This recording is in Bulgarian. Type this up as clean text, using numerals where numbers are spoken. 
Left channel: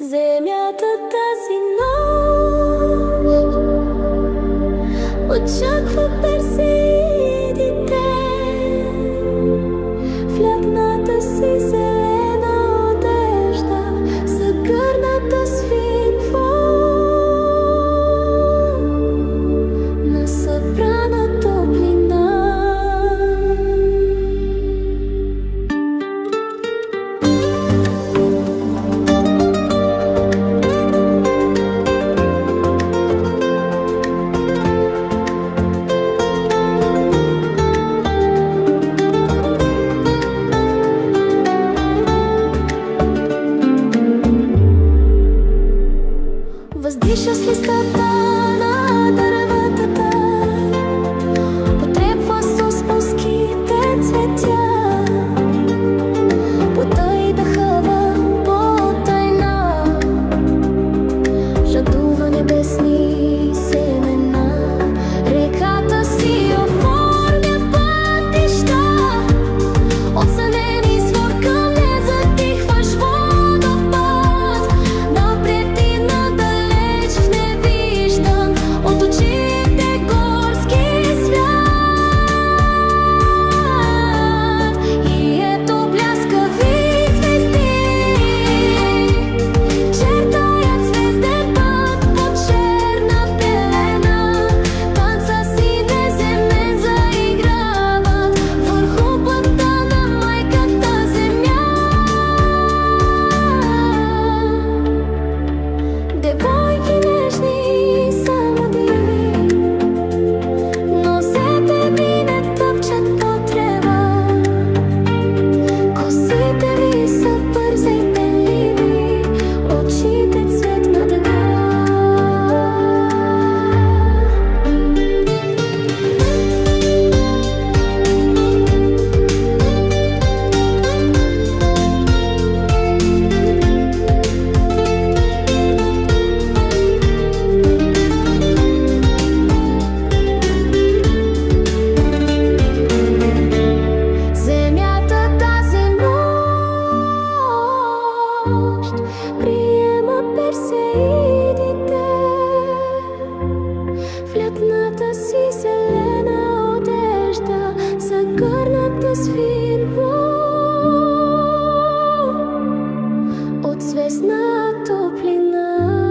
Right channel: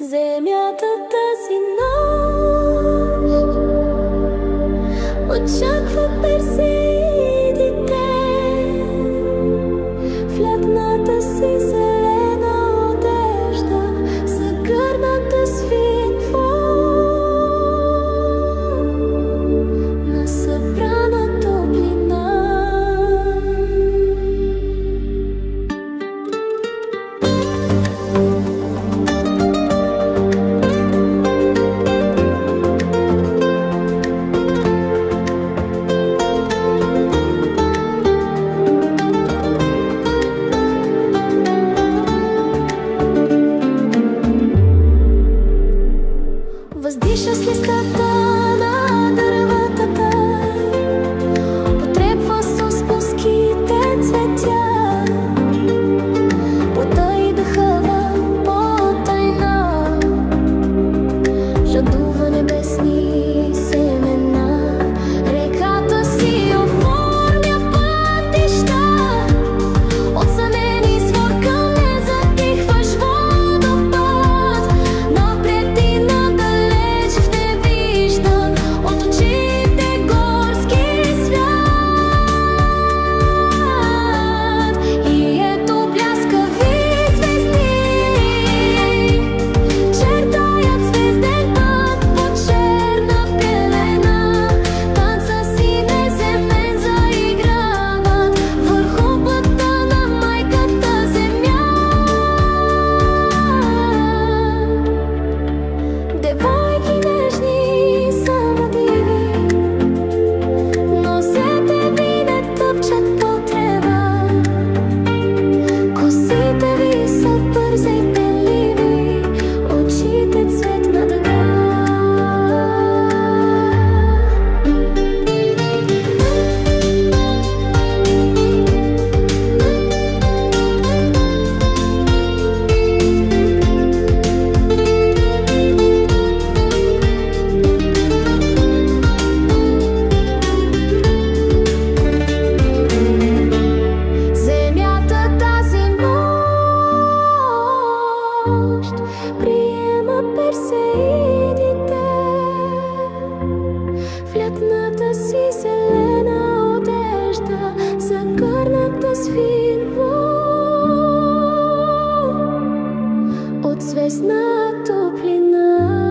Земята тази нощ очаква персеидите в лятната си зелена одежда, загърната с фин фон на събрана топлина. Въздиша с листата на дърветата, потрепва с спуските цветя, плътта и дъхава по-тайна, жадува небесни семена. Реката си оформя пътища, отсънени извор към незатихваш водопад, напред и надалеч в невиждан от очите горски свят. И ето бляскави звезди чертаят звезден път по черна пелена, танца си неземен заиграват върху плътта на майката земя. Девойки нежни, само диви, нозете ви не тъпчат по трева, косите ви са бързи и пенливи, очите цвет на дъга. Земята тази нощ приема персеидите в лятната си зелена одежда, загърната с фин вон от звездна топлина.